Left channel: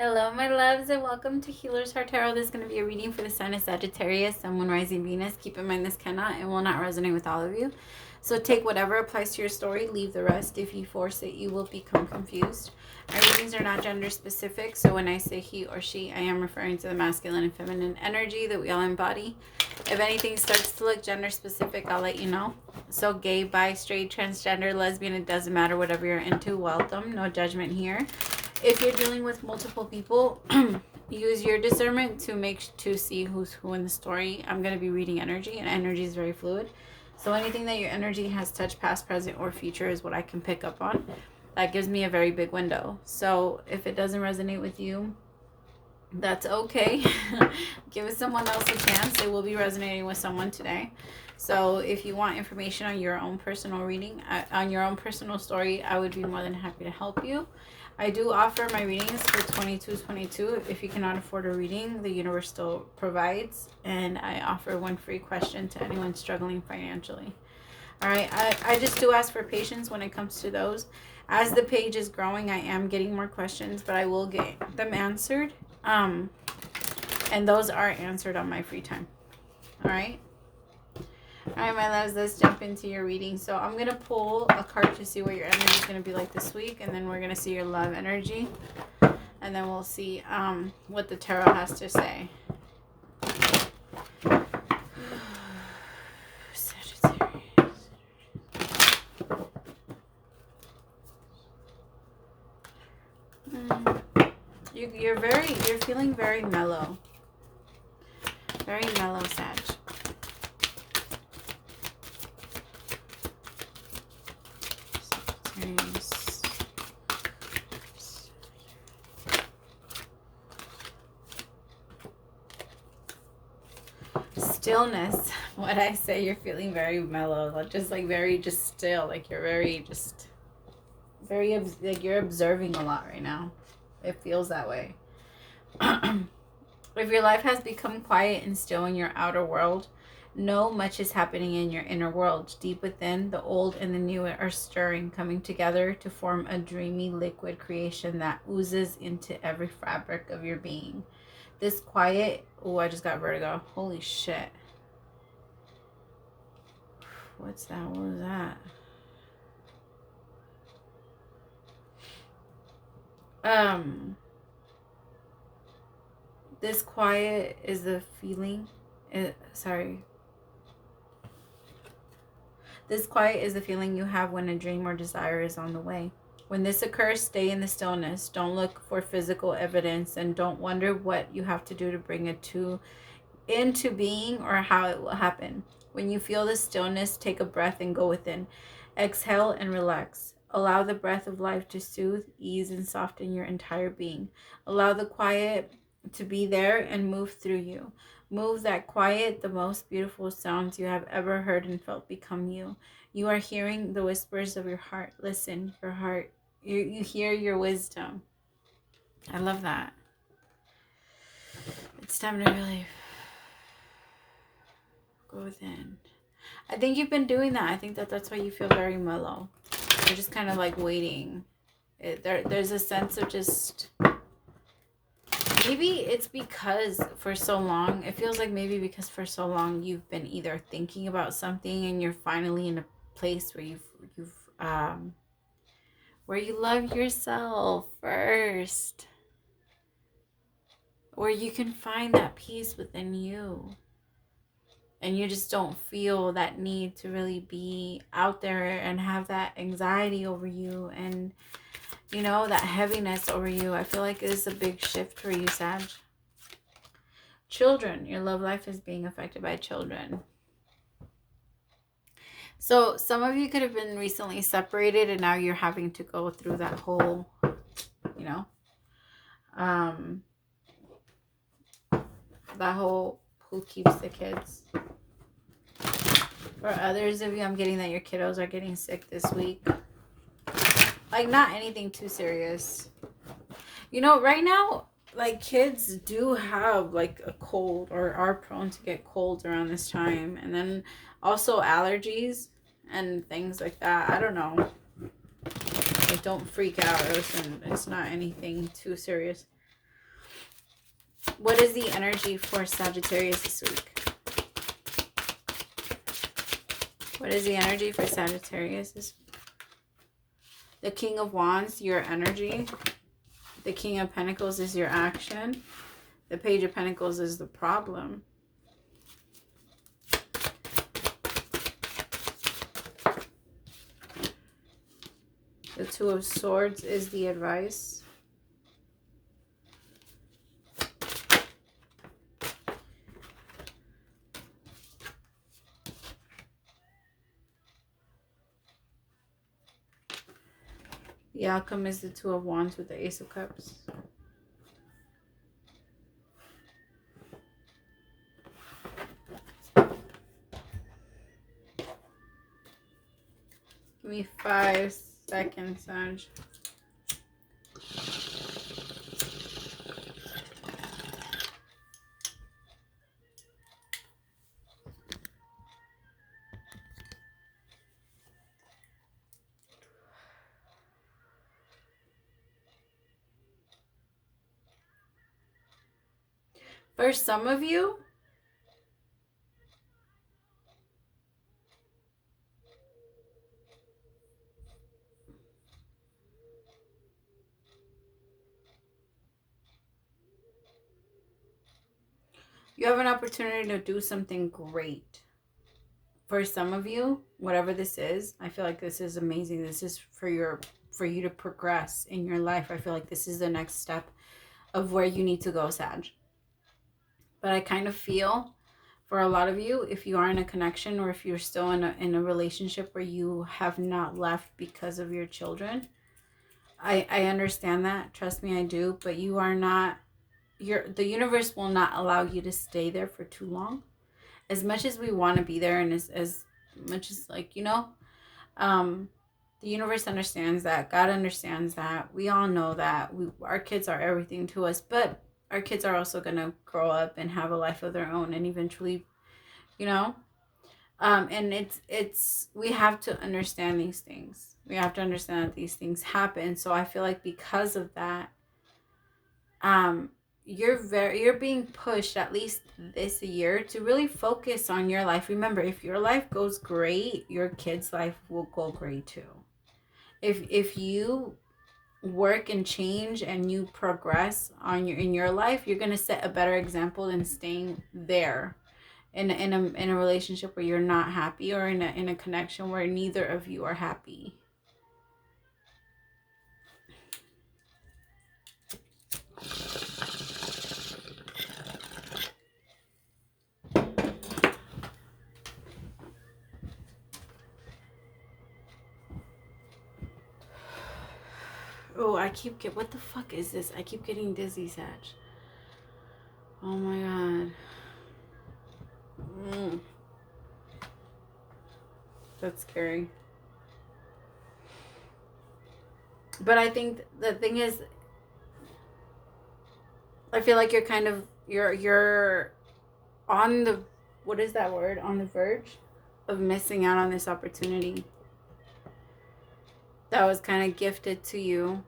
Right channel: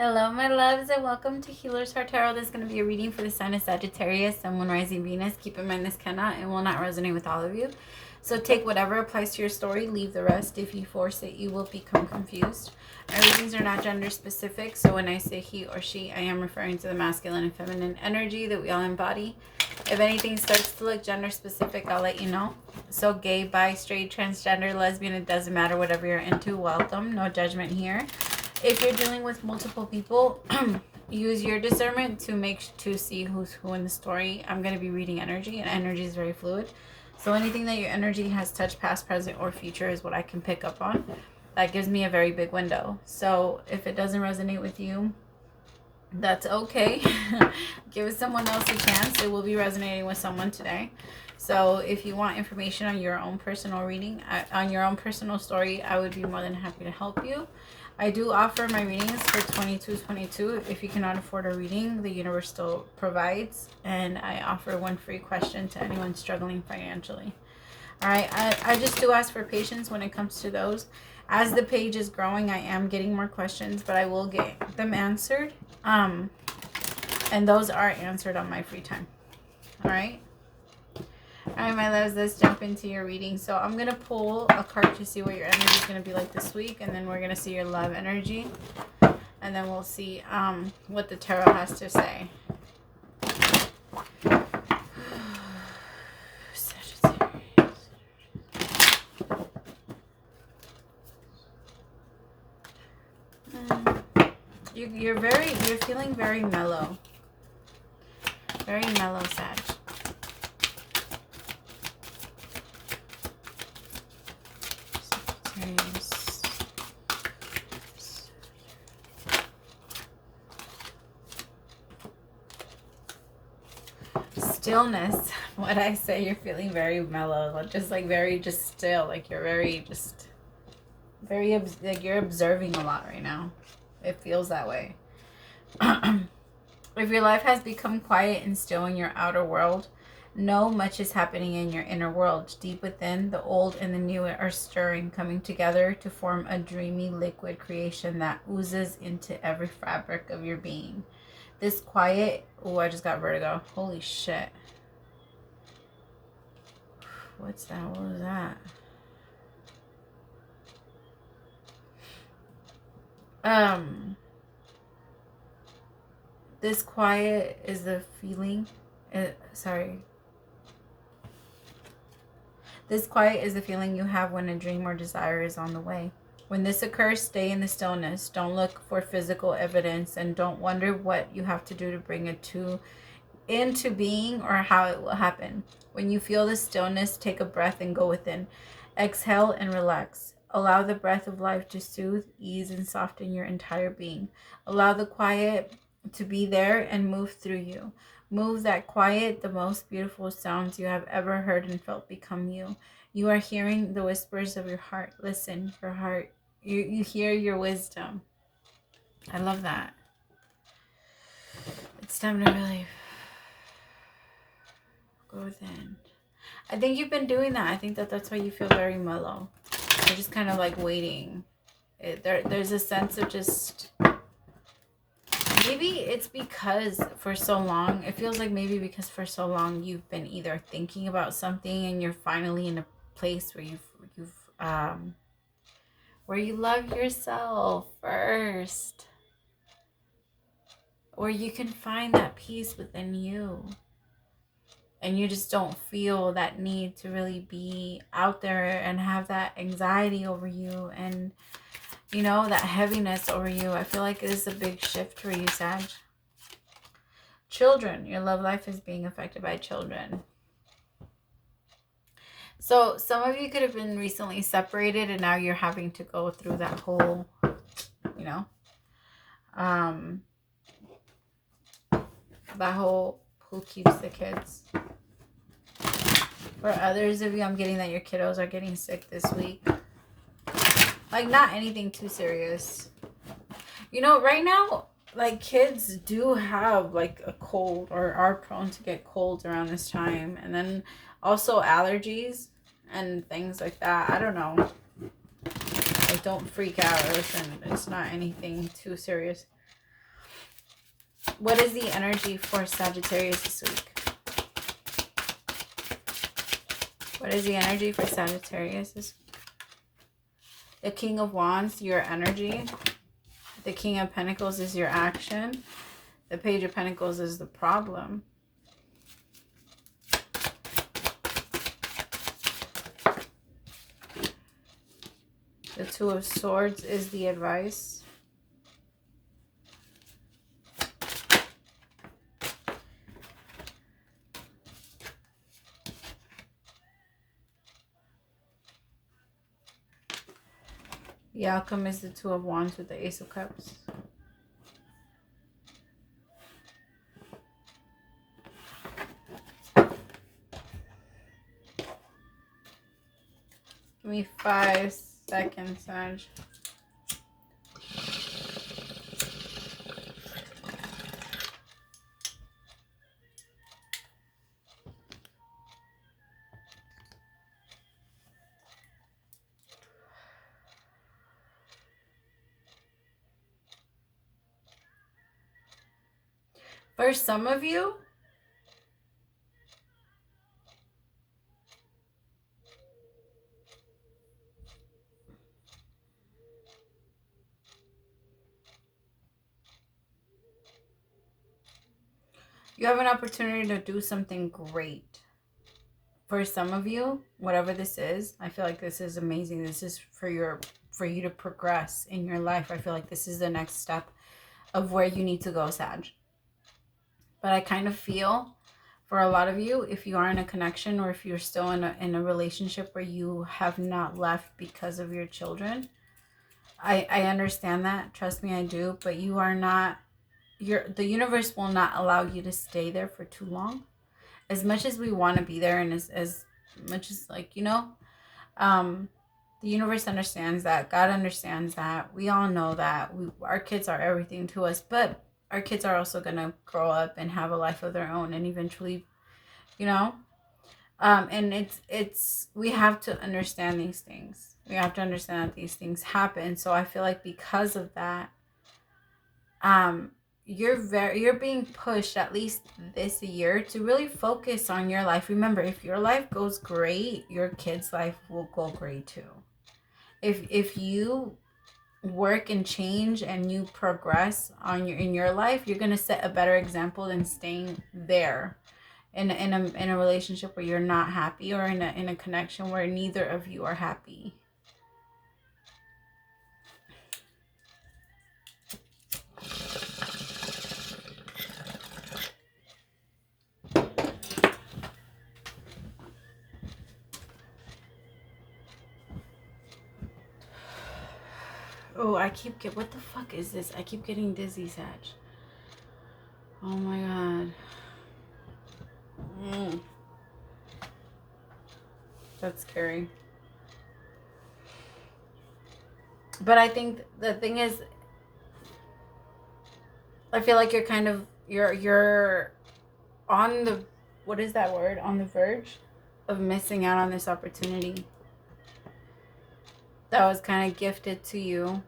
Hello, my loves, and welcome to Healers Heart Tarot. This is going to be a reading for the sign of Sagittarius, Sun, Moon, Rising, Venus. Keep in mind this cannot and will not resonate with all of you. So take whatever applies to your story, leave the rest. If you force it, you will become confused. Our readings are not gender specific, so when I say he or she, I am referring to the masculine and feminine energy that we all embody. If anything starts to look gender specific, I'll let you know. So gay, bi, straight, transgender, lesbian, it doesn't matter, whatever you're into, welcome. No judgment here. If you're dealing with multiple people, use your discernment to see who's who in the story. I'm going to be reading energy, and energy is very fluid. So anything that your energy has touched, past, present, or future, is what I can pick up on. That gives me a very big window. So if it doesn't resonate with you, that's okay. Give it someone else a chance. It will be resonating with someone today. So if you want information on your own personal reading, on your own personal story, I would be more than happy to help you. I do offer my readings for $22.22. If you cannot afford a reading, the universe still provides. And I offer one free question to anyone struggling financially. All right, I just do ask for patience when it comes to those. As the page is growing, I am getting more questions, but I will get them answered. And those are answered on my free time. All right. All right, my loves, let's jump into your reading. So I'm going to pull a card to see what your energy is going to be like this week. And then we're going to see your love energy. And then we'll see what the tarot has to say. Sagittarius. You're feeling very mellow. Very mellow, Sag. Stillness. What I say, you're feeling very mellow, just like very just still, like you're very just very like you're observing a lot right now. It feels that way. If your life has become quiet and still in your outer world, know much is happening in your inner world. Deep within, the old and the new are stirring, coming together to form a dreamy liquid creation that oozes into every fabric of your being. This quiet... Oh, I just got vertigo. Holy shit. What's that? What was that? This quiet is the feeling... This quiet is the feeling you have when a dream or desire is on the way. When this occurs, stay in the stillness. Don't look for physical evidence, and don't wonder what you have to do to bring it into being or how it will happen. When you feel the stillness, take a breath and go within. Exhale and relax. Allow the breath of life to soothe, ease, and soften your entire being. Allow the quiet to be there and move through you. Move that quiet, the most beautiful sounds you have ever heard and felt become you. You are hearing the whispers of your heart. Listen, your heart. You hear your wisdom. I love that. It's time to really go within. I think you've been doing that. I think that's why you feel very mellow. You're just kind of like waiting. There's a sense of just... Maybe it's because for so long, it feels like maybe because for so long you've been either thinking about something and you're finally in a place where where you love yourself first, where you can find that peace within you, and you just don't feel that need to really be out there and have that anxiety over you and, you know, that heaviness over you. I feel like it is a big shift for you, Sag. Children, your love life is being affected by children. So some of you could have been recently separated and now you're having to go through that whole, you know, that whole who keeps the kids. For others of you, I'm getting that your kiddos are getting sick this week. Like, not anything too serious. You know, right now, like, kids do have, like, a cold or are prone to get colds around this time. And then also allergies and things like that. I don't know. Like, don't freak out. Listen, it's not anything too serious. What is the energy for Sagittarius this week? What is the energy for Sagittarius this week? The King of Wands, your energy. The King of Pentacles is your action. The Page of Pentacles is the problem. The Two of Swords is the advice. The outcome is the Two of Wands with the Ace of Cups. Give me 5 seconds, Sag. For some of you, you have an opportunity to do something great. For some of you, whatever this is, I feel like this is amazing. This is for you to progress in your life. I feel like this is the next step of where you need to go, Sag. But I kind of feel for a lot of you, if you are in a connection or if you're still in a relationship where you have not left because of your children, I understand that. Trust me, I do. But you are not, the universe will not allow you to stay there for too long. As much as we want to be there, and as much as, like, you know, the universe understands that. God understands that. We all know that. Our kids are everything to us, but our kids are also going to grow up and have a life of their own and eventually, you know, and we have to understand these things. We have to understand that these things happen. So I feel like because of that, you're being pushed at least this year to really focus on your life. Remember, if your life goes great, your kids' life will go great too. If you work and change and you progress in your life, you're going to set a better example than staying there in a relationship where you're not happy, or in a connection where neither of you are happy. Oh, what the fuck is this? I keep getting dizzy, Sag. Oh my god. That's scary. But I think the thing is, I feel like you're kind of, you're on the, what is that word? On the verge of missing out on this opportunity that was kind of gifted to you,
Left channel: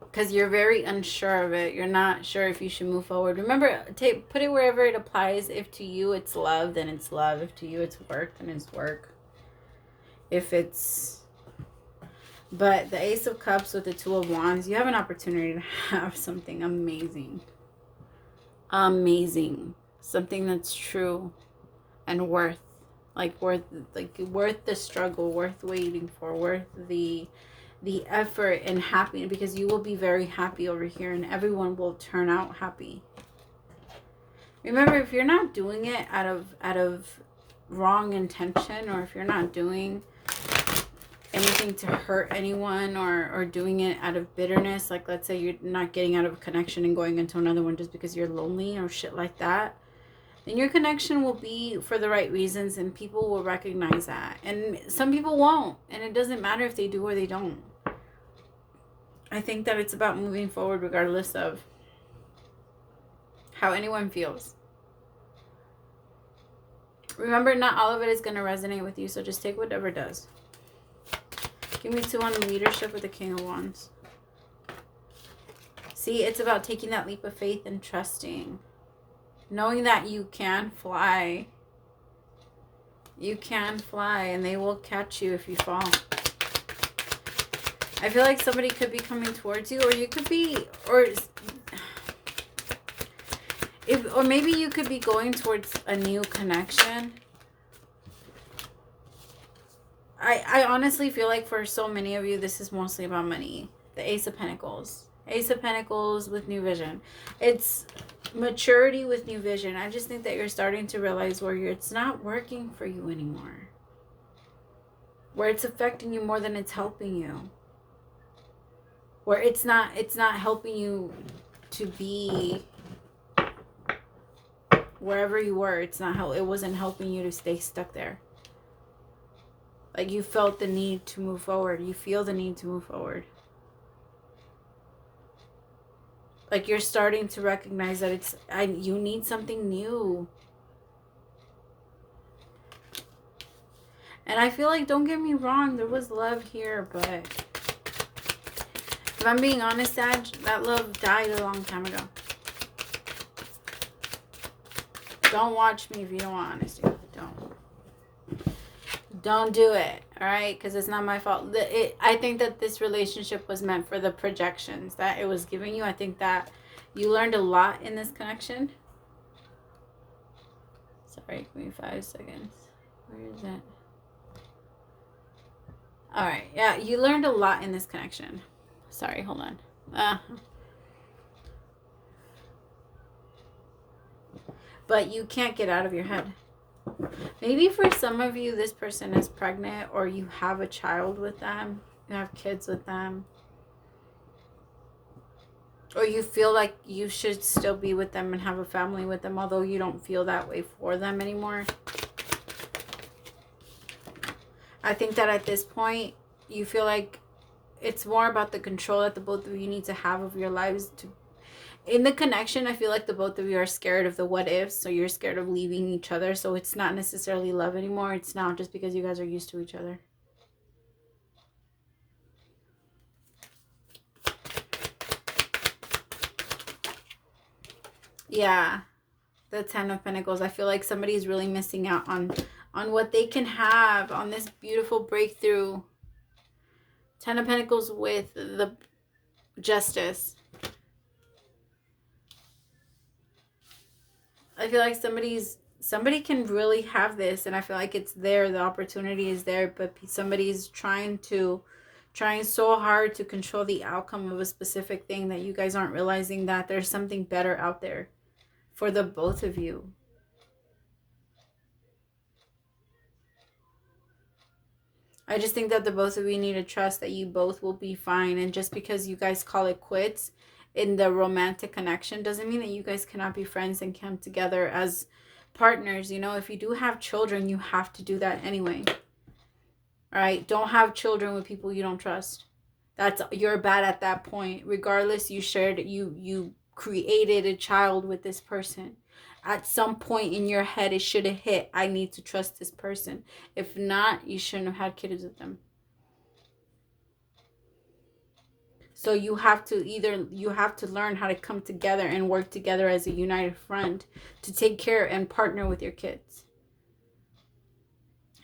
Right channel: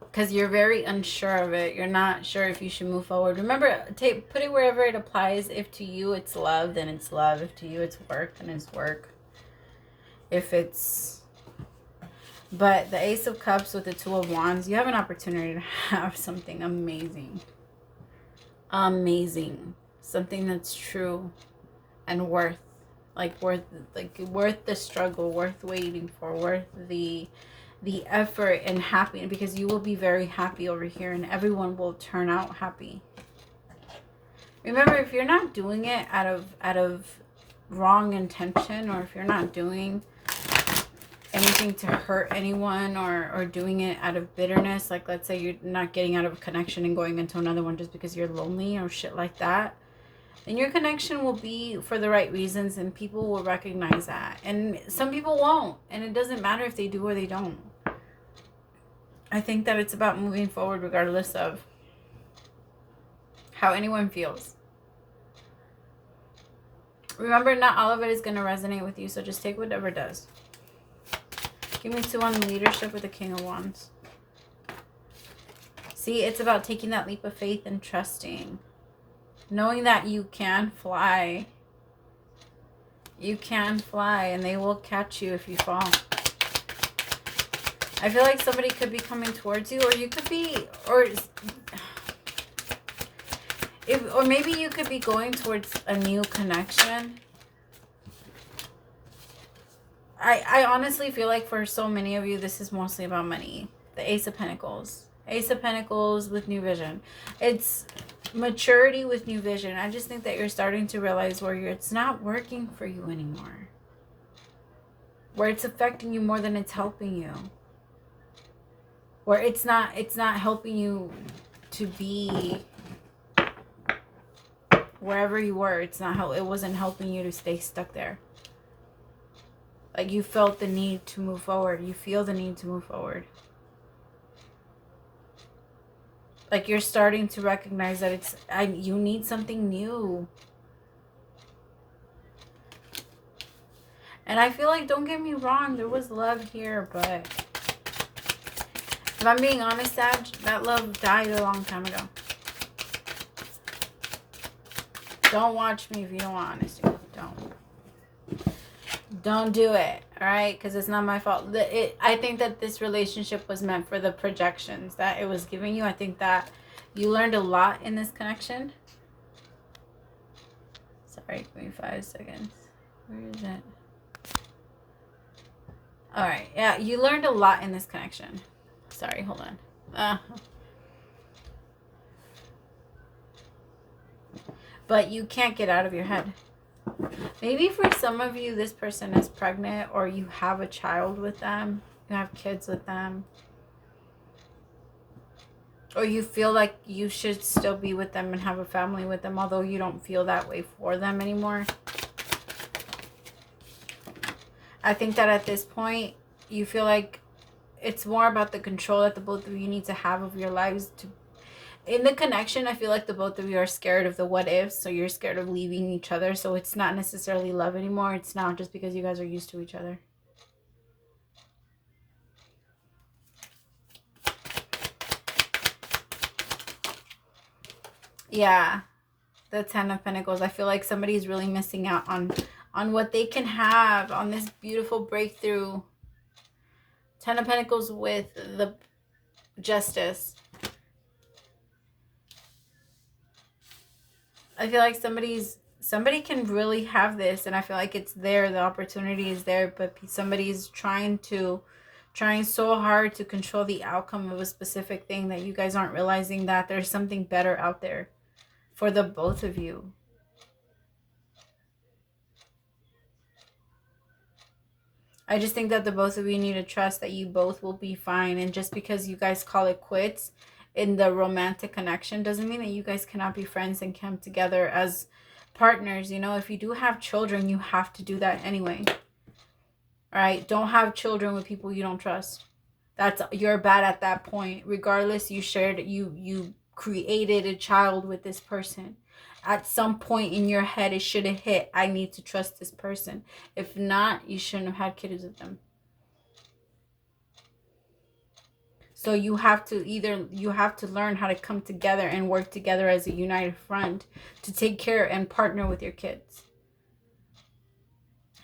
because you're very unsure of it. You're not sure if you should move forward. Remember, put it wherever it applies. If to you it's love, then it's love. If to you it's work, then it's work. But the Ace of Cups with the Two of Wands, you have an opportunity to have something amazing. Amazing. Something that's true and worth the struggle, worth waiting for, worth the effort and happiness, because you will be very happy over here and everyone will turn out happy. Remember, if you're not doing it out of wrong intention, or if you're not doing anything to hurt anyone, or doing it out of bitterness, like let's say you're not getting out of a connection and going into another one just because you're lonely or shit like that, then your connection will be for the right reasons and people will recognize that. And some people won't, and it doesn't matter if they do or they don't. I think that it's about moving forward regardless of how anyone feels. Remember, not all of it is going to resonate with you, so just take whatever does. Give me 2 on the leadership with the King of Wands. See, it's about taking that leap of faith and trusting. Knowing that you can fly. You can fly, and they will catch you if you fall. I feel like somebody could be coming towards you, or you could be, or maybe you could be going towards a new connection. I honestly feel like for so many of you, this is mostly about money. The Ace of Pentacles. Ace of Pentacles with new vision. It's maturity with new vision. I just think that you're starting to realize where it's not working for you anymore. Where it's affecting you more than it's helping you. Where it's not helping you to be wherever you were. It wasn't helping you to stay stuck there. Like you felt the need to move forward. You feel the need to move forward. Like you're starting to recognize that you need something new. And I feel like, don't get me wrong, there was love here, but if I'm being honest, Sag, that love died a long time ago. Don't watch me if you don't want honesty. Don't do it, all right? Because it's not my fault. I think that this relationship was meant for the projections that it was giving you. I think that you learned a lot in this connection. Sorry, give me 5 seconds. Where is it? All right, yeah, you learned a lot in this connection. Sorry, hold on. But you can't get out of your head. Maybe for some of you, this person is pregnant, or you have a child with them. You have kids with them. Or you feel like you should still be with them and have a family with them, although you don't feel that way for them anymore. I think that at this point, you feel like it's more about the control that the both of you need to have of your lives. In the connection, I feel like the both of you are scared of the what ifs, so you're scared of leaving each other, so it's not necessarily love anymore. It's now just because you guys are used to each other. Yeah, the 10 of Pentacles. I feel like somebody's really missing out on what they can have, on this beautiful breakthrough. 10 of Pentacles with the Justice. I feel like somebody can really have this, and I feel like it's there. The opportunity is there, but somebody's trying so hard to control the outcome of a specific thing that you guys aren't realizing that there's something better out there for the both of you. I just think that the both of you need to trust that you both will be fine. And just because you guys call it quits in the romantic connection doesn't mean that you guys cannot be friends and come together as partners. You know, if you do have children, you have to do that anyway. All right? Don't have children with people you don't trust. You're bad at that point. Regardless, you created a child with this person. At some point in your head, it should have hit, I need to trust this person. If not, you shouldn't have had kids with them. So you have to learn how to come together and work together as a united front to take care and partner with your kids.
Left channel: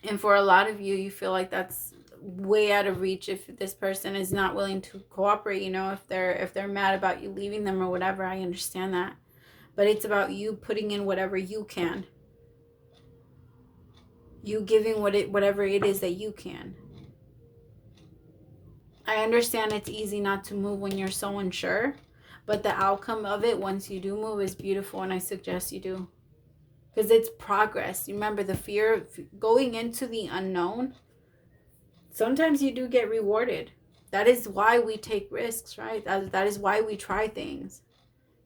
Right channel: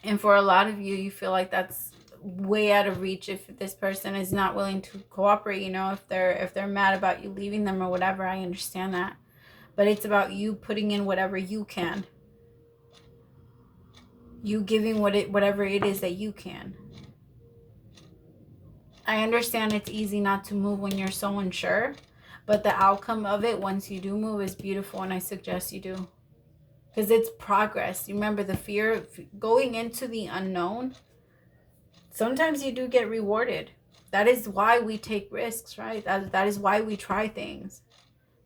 And for a lot of you, you feel like that's way out of reach if this person is not willing to cooperate. You know, if they're mad about you leaving them or whatever, I understand that. But it's about you putting in whatever you can. You giving whatever it is that you can. I understand it's easy not to move when you're so unsure. But the outcome of it, once you do move, is beautiful. And I suggest you do. Because it's progress. Remember, the fear of going into the unknown. Sometimes you do get rewarded. That is why we take risks, right? That is why we try things.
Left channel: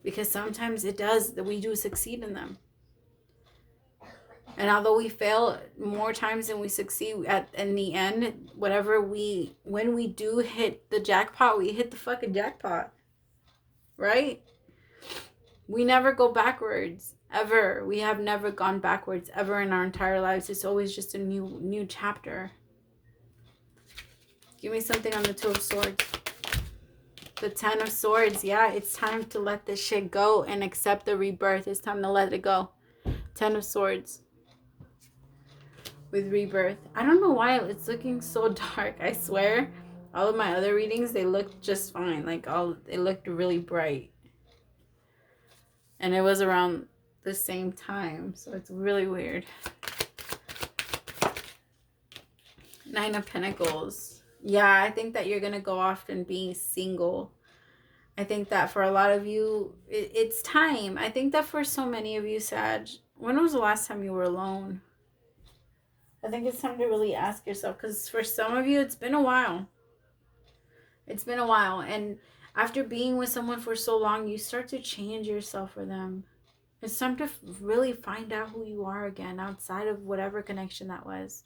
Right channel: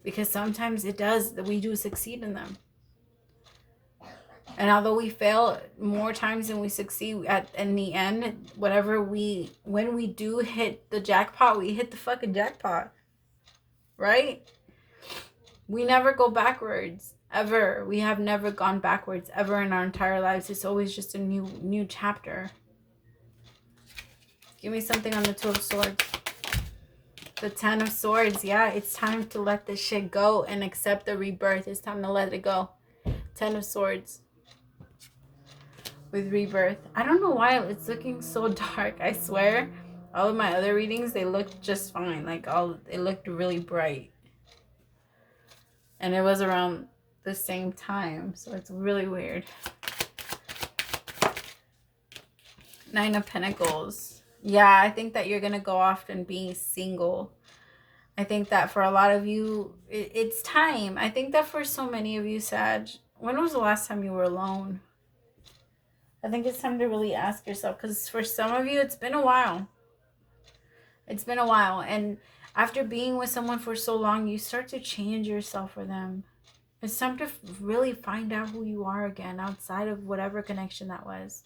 Because sometimes we do succeed in them. And although we fail more times than we succeed in the end, when we do hit the jackpot, we hit the fucking jackpot. Right? We never go backwards, ever. We have never gone backwards, ever in our entire lives. It's always just a new chapter. Give me something on the Two of Swords. The Ten of Swords. Yeah, it's time to let this shit go and accept the rebirth. It's time to let it go. Ten of Swords. With rebirth. I don't know why it's looking so dark. I swear. All of my other readings, they looked just fine. Like, it looked really bright. And it was around the same time. So it's really weird. Nine of Pentacles. Yeah, I think that you're going to go off and being single. I think that for a lot of you, it's time. I think that for so many of you, Sag, when was the last time you were alone? I think it's time to really ask yourself, because for some of you, it's been a while. It's been a while. And after being with someone for so long, you start to change yourself for them. It's time to really find out who you are again outside of whatever connection that was.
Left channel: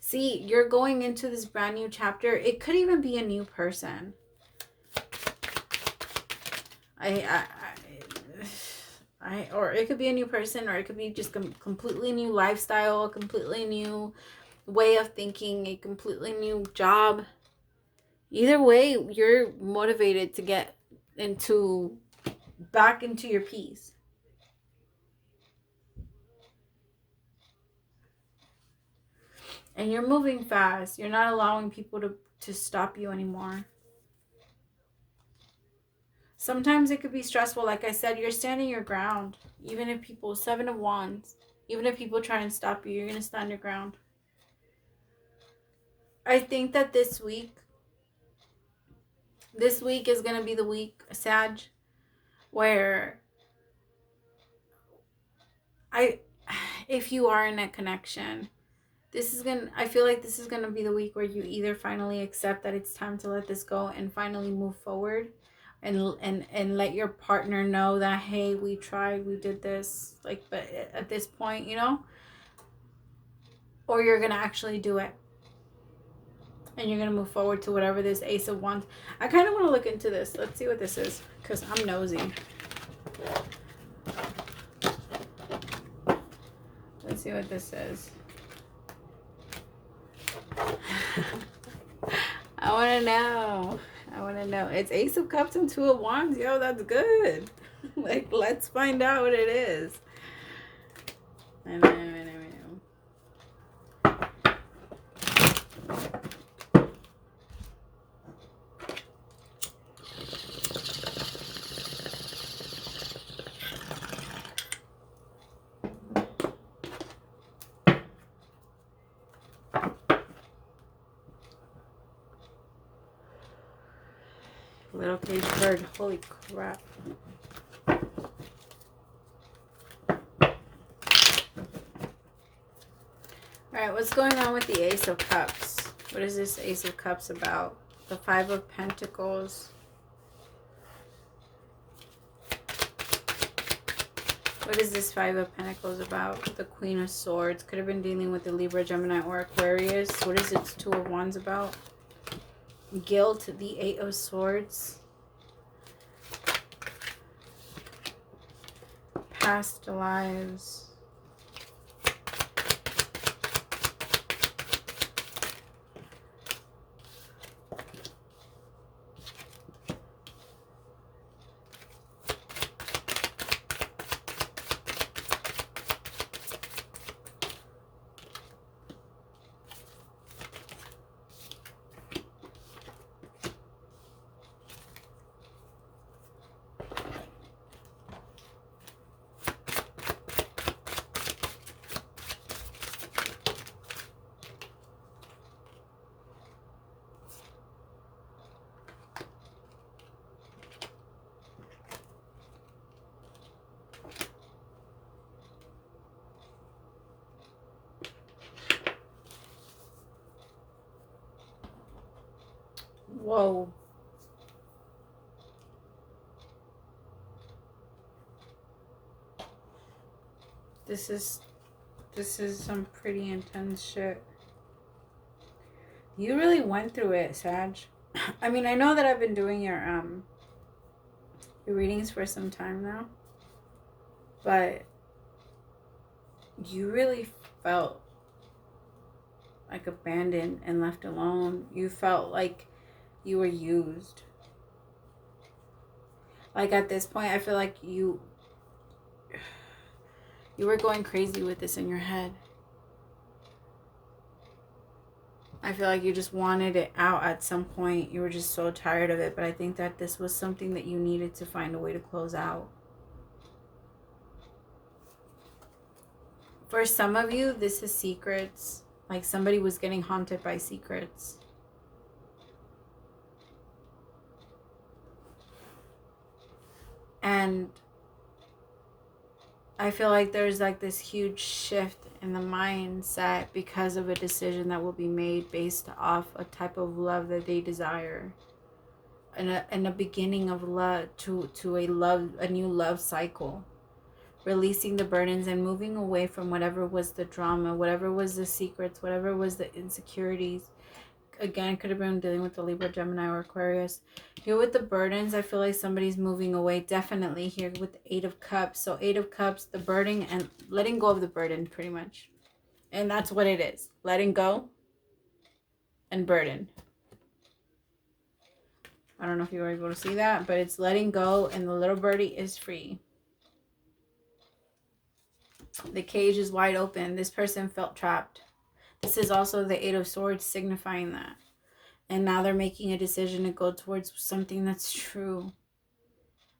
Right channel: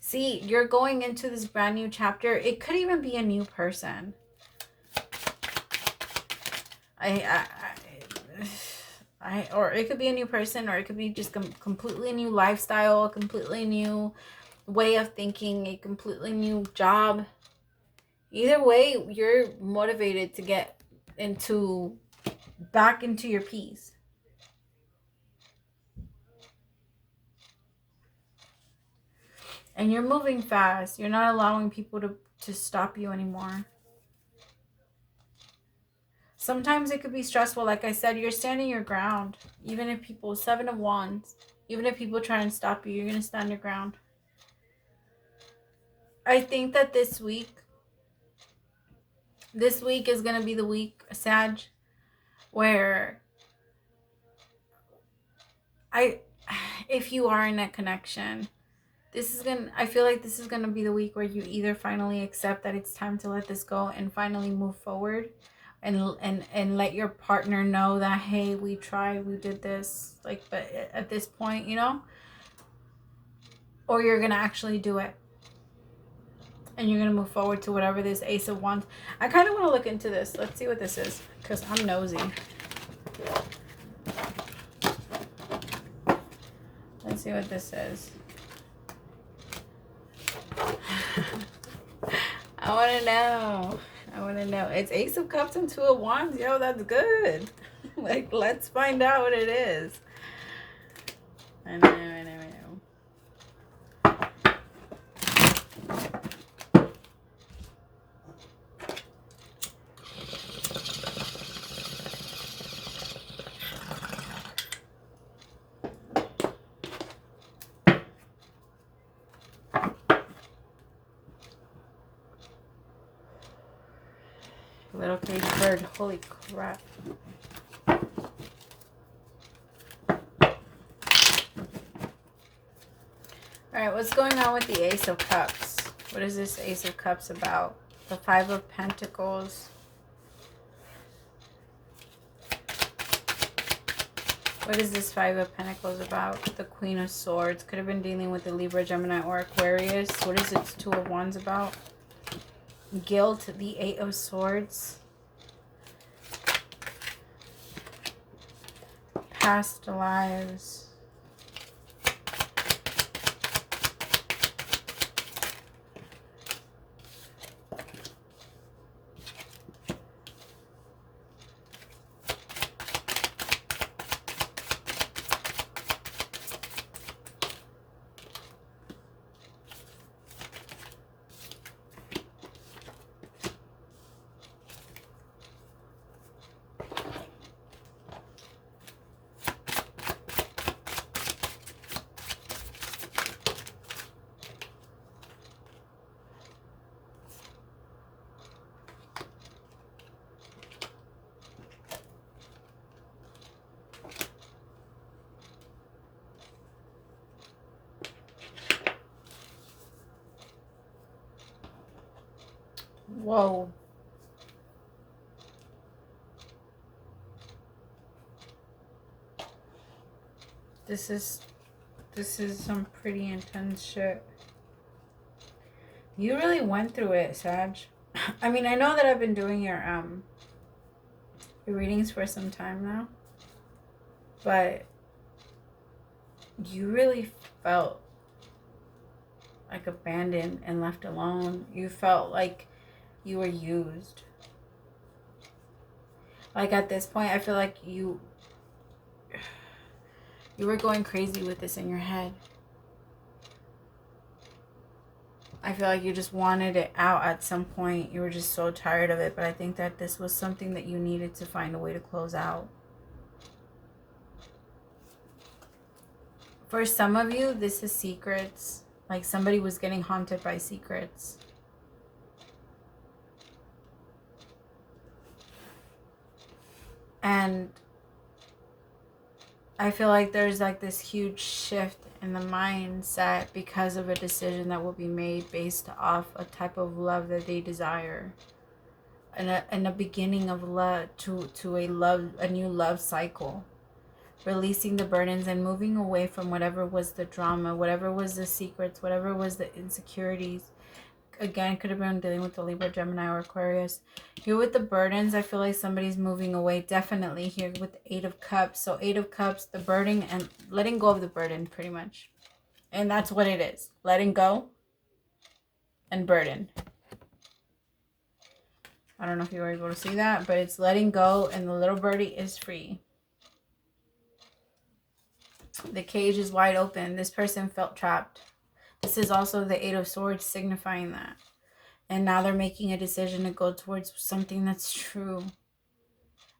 See, you're going into this brand new chapter. It could even be a new person. Or it could be a new person, or it could be just a completely new lifestyle, a completely new way of thinking, a completely new job. Either way, you're motivated to get back into your peace. And you're moving fast. You're not allowing people to stop you anymore. Sometimes it could be stressful. Like I said, you're standing your ground. Even if people, Seven of Wands, even if people try and stop you, you're going to stand your ground. I think that this week is going to be the week, Sag, where if you are in a connection, I feel like this is going to be the week where you either finally accept that it's time to let this go and finally move forward and let your partner know that, hey, we tried, we did this, like, but at this point, you know, or you're going to actually do it and you're going to move forward to whatever this Ace of Wands. I kind of want to look into this. Let's see what this is, because I'm nosy. Let's see what this is. I want to know. It's Ace of Cups and Two of Wands. Yo, that's good. Like, let's find out what it is. I know. Little cage bird. Holy crap. Alright, what's going on with the Ace of Cups? What is this Ace of Cups about? The Five of Pentacles. What is this Five of Pentacles about? The Queen of Swords. Could have been dealing with the Libra, Gemini, or Aquarius. What is its Two of Wands about? Guilt, the Eight of Swords. Past lives. Whoa. This is some pretty intense shit. You really went through it, Sag. I mean, I know that I've been doing your readings for some time now, but you really felt like abandoned and left alone. You felt like you were used. Like at this point, I feel like you were going crazy with this in your head. I feel like you just wanted it out at some point. You were just so tired of it. But I think that this was something that you needed to find a way to close out. For some of you, this is secrets. Like somebody was getting haunted by secrets. And I feel like there's like this huge shift in the mindset because of a decision that will be made based off a type of love that they desire. And a beginning of love to a new love cycle. Releasing the burdens and moving away from whatever was the drama, whatever was the secrets, whatever was the insecurities. Again, could have been dealing with the Libra, Gemini, or Aquarius. Here with the burdens, I feel like somebody's moving away. Definitely here with the 8 of Cups. So 8 of Cups, the burden and letting go of the burden pretty much. And that's what it is. Letting go and burden. I don't know if you were able to see that, but it's letting go and the little birdie is free. The cage is wide open. This person felt trapped. This is also the 8 of Swords signifying that. And now they're making a decision to go towards something that's true.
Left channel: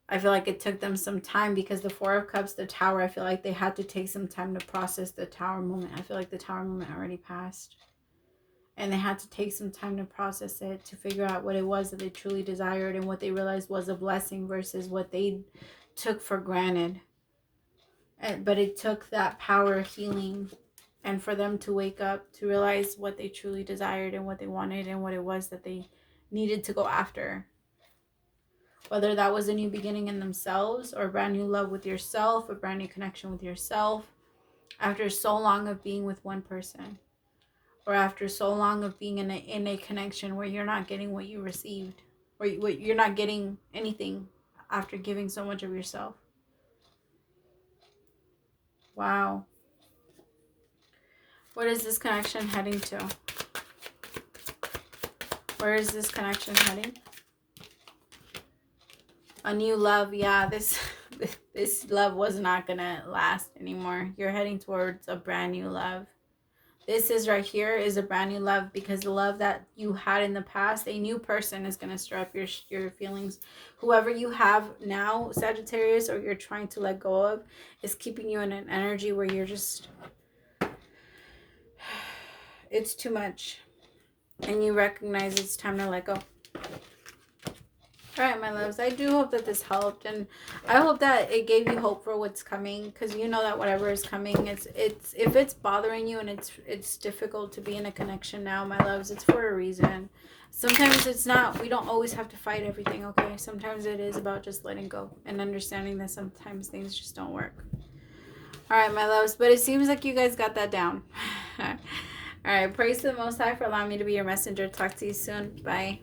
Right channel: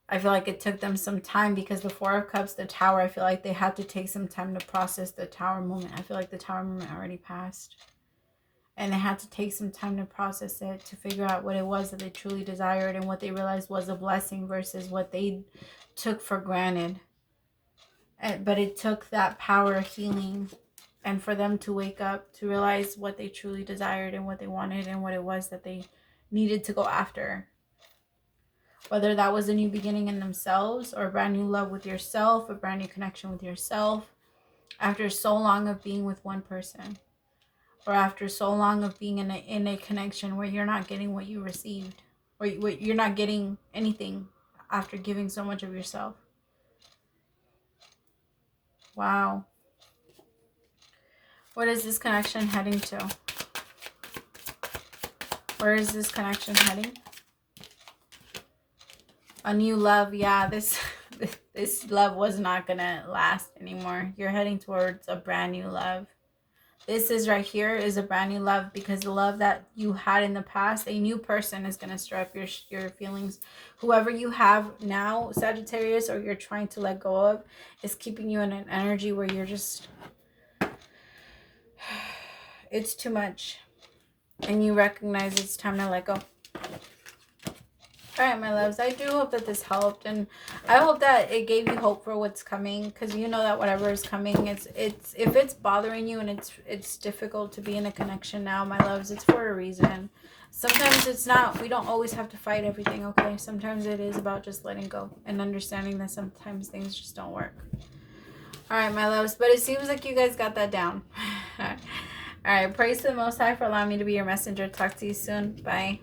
I feel like it took them some time because the 4 of Cups, the Tower, I feel like they had to take some time to process the Tower moment. I feel like the Tower moment already passed. And they had to take some time to process it, to figure out what it was that they truly desired and what they realized was a blessing versus what they took for granted. But it took that power of healing and for them to wake up, to realize what they truly desired and what they wanted and what it was that they needed to go after. Whether that was a new beginning in themselves or a brand new love with yourself, a brand new connection with yourself, after so long of being with one person, or after so long of being in a connection where you're not getting what you received, or you're not getting anything after giving so much of yourself. Wow. What is this connection heading to? Where is this connection heading? A new love. Yeah, this love was not gonna last anymore. You're heading towards a brand new love. This is right here is a brand new love because the love that you had in the past, a new person is going to stir up your feelings. Whoever you have now, Sagittarius, or you're trying to let go of, is keeping you in an energy where you're just, it's too much. And you recognize it's time to let go. All right, my loves, I do hope that this helped, and I hope that it gave you hope for what's coming, because you know that whatever is coming, it's if it's bothering you and it's difficult to be in a connection now, my loves, it's for a reason. Sometimes it's not, we don't always have to fight everything, okay? Sometimes it is about just letting go and understanding that sometimes things just don't work. All right, my loves, but it seems like you guys got that down. All right, praise to the Most High for allowing me to be your messenger. Talk to you soon. Bye.